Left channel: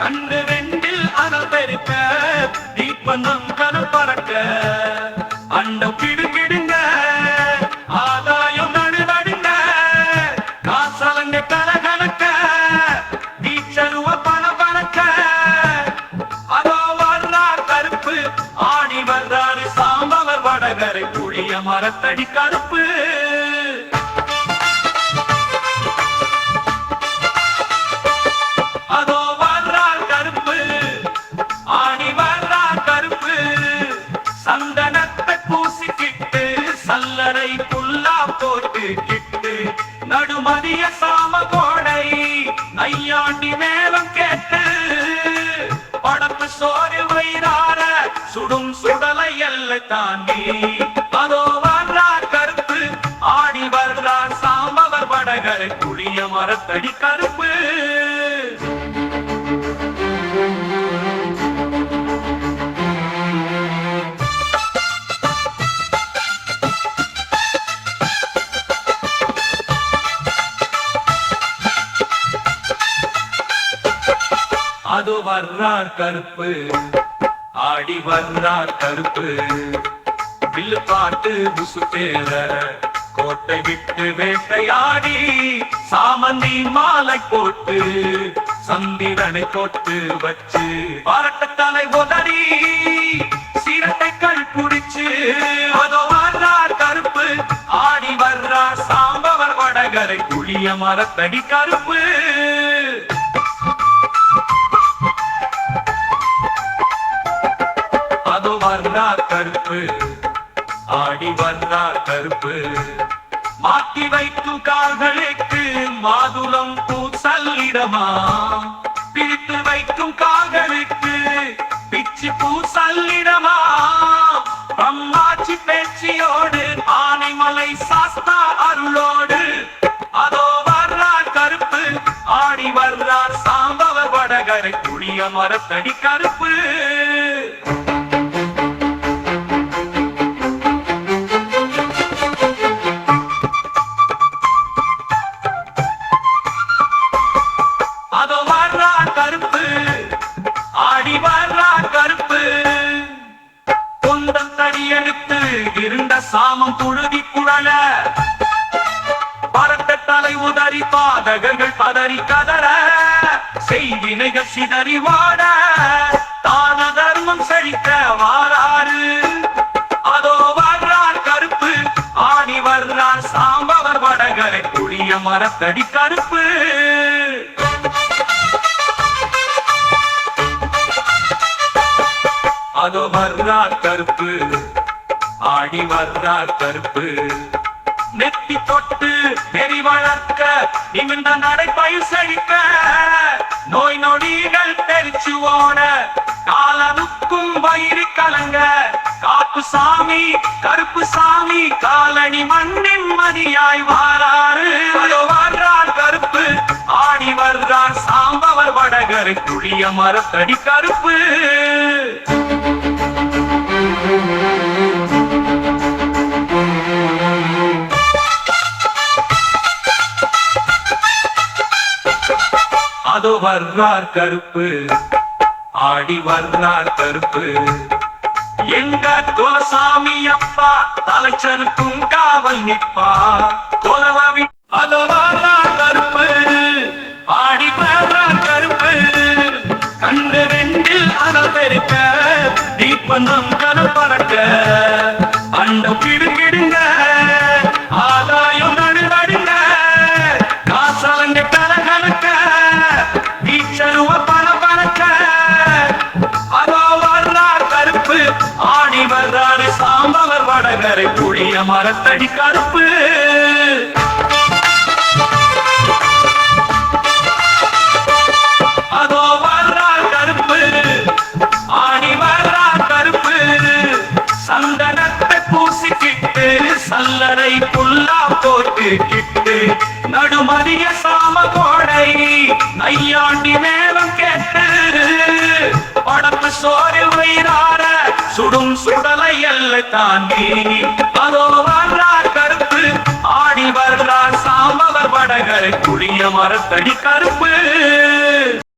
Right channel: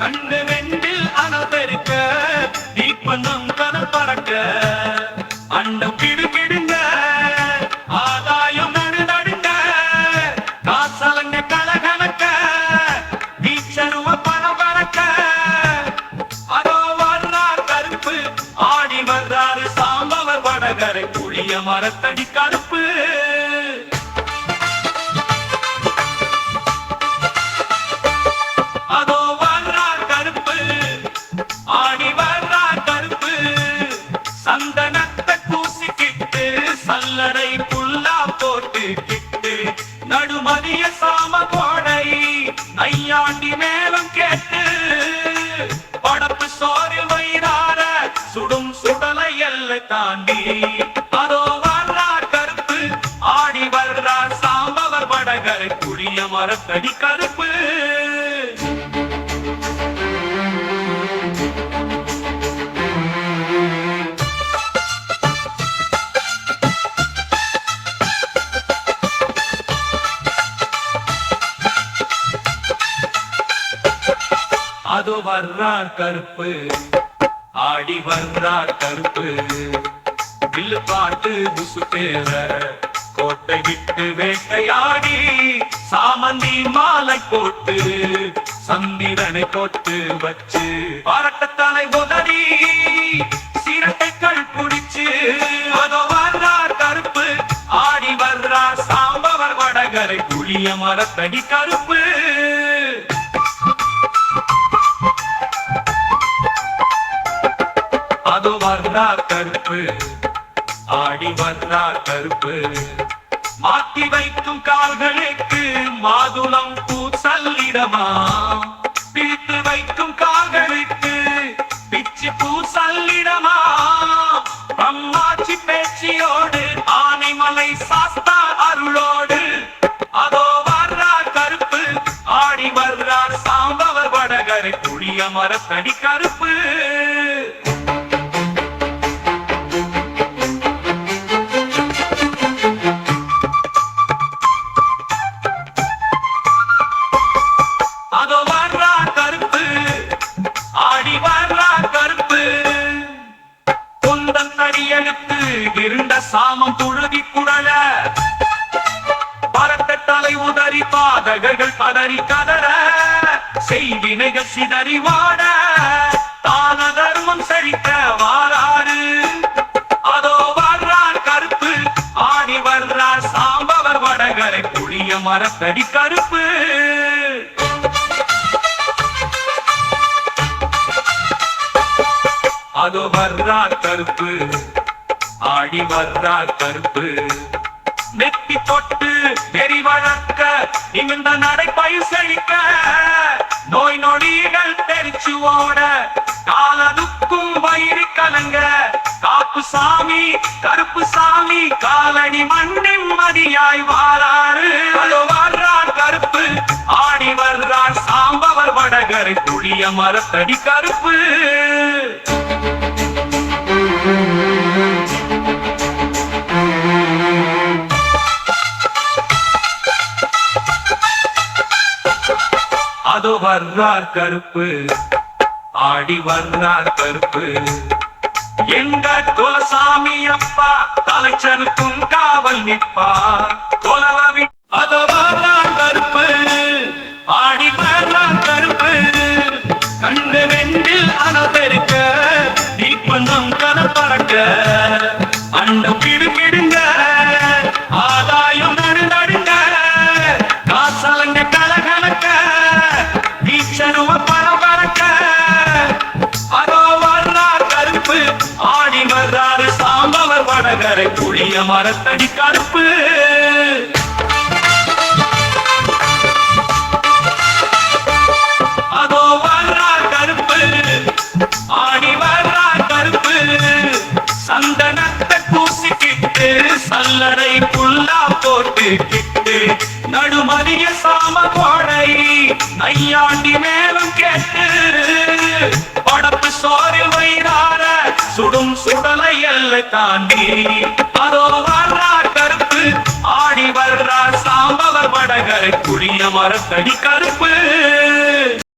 கண்டு வெண்டில் அனல் பெருக்க தீப்பந்தம் கனல் பறக்க அண்டம் கிடுங்கிடுங்க ஆதாயம் நடு நடுங்க காசலங்க கலகலக்க வீச்சருவ பணம் பறக்க அதோ வர்றார் கருப்பு ஆடி வர்றாரு சாம்பவர் வடகரை புளிய மரத்தடி கருப்பு அதோ வர்றார் கருப்பு ஆடி வர்றார் கருப்பு சந்தனத்தை பூசிக்கிட்டு சல்லடை புல்லா போட்டு கிட்டு நடுமதிய சாம கோடை நையாண்டி மேலும் கேட்டு படப்பு சோறு வயிறார சுடும் சுடலை எல்லை தாண்டி அதோ வர்றார் கருப்பு ஆடி வர்றார் சாம்பவர் வடகரை புளிய மரத்தடி கருப்பு அதோ வர்றார் கருப்பு ஆடி வர்றார் கருப்பு வில்லு பாட்டு புசுட்டேற கோட்டை விட்டு வேட்டையாடி சாமந்தி மாலை போட்டு சந்திரனை போட்டு வச்சு பரட்ட தலை உதறி சீரட்டைகள் குடிச்சு அதோ வர்றார் கருப்பு ஆடி வர்றார் சாம்பவர் வடகரை புளிய மரத்தடி கருப்பு அதோ வர்றார் கருப்பு ஆடி வர்றார் கருப்பு மாட்டி வைக்கும் கால்களுக்கு மாதுளம் பூசல்லிடமா பிடித்து வைக்கும் கால்களுக்கு பிச்சு பூசல்லிடமா அம்மாச்சி பேச்சியோடு ஆனைமலை சாஸ்தா அருளோடு அதோ வர்றார் கருப்பு ஆடி வர்றார் சாம்பவர் வடகரை புளிய மரத்தடி கருப்பு அதோ வர்றார் கருப்பு ஆடி வர்றார் கருப்பு குந்தம் தடியெடுத்து இருண்ட சாமம் புழுதி குழல பரட்ட தலை உதறி பாதகர்கள் பதறி கதற செய்வினைகள் சிதறி வாட தான தர்மம் செழிக்க வாராறு அதோ வர்றார் கருப்பு ஆடி வர்றார் சாம்பவர் வடகரை புளிய மரத்தடி கருப்பு அதோ வர்றார் கருப்பு ஆடி வர்றார் கருப்பு நெத்தி தொட்டு நெறி வளர்க்க நிமிர்ந்த நடைப்பயிர் செழிக்க நோய் நொடிகள் தெரிச்சு ஓட காலனுக்கும் வயிறு கலங்க காப்பு சாமி கருப்பு சாமி காலணி மண்ணின் மதியாய் வாராறு அதோ வர்றார் கருப்பு ஆடி வர்றார் சாம்பவர் வடகரை புளிய மரத்தடி கருப்பு அதோ வர்றார் கருப்பு ஆடி வர்றார் கருப்பு எங்க குலசாமி அப்பா தலைச்சனுக்கும் காவல் நிற்பா குலவி அதோ வர்றார் கருப்பு ஆடி வர்றார் கருப்பு கண்டு வெண்டில் அனல் பெருக்க தீப்பந்தம் கனல் பறக்க அண்டம் கிடுங்கிடுங்க ஆதாயம் நடு நடுங்க காசலங்க கலகலக்க வீச்சருவ பணம் பறக்க அதோ வர்றார் கருப்பு ஆடி வர்றாரு சாம்பவர் வடகரை புளிய மரத்தடி கருப்பு அதோ வர்றார் கருப்பு ஆடி வர்றார் கருப்பு சந்தனத்தை பூசிக்கிட்டு சல்லடை புல்லா போட்டு கிட்டு நடுமதிய சாம கோடை நையாண்டி மேலும் கேட்டு படப்பு சோறு வயிறார சுடும் சுடலை எல்லை தாண்டி அதோ வர்றார் கருப்பு ஆடி வர்றார் சாம்பவர் வடகரை புளிய மரத்தடி கருப்பு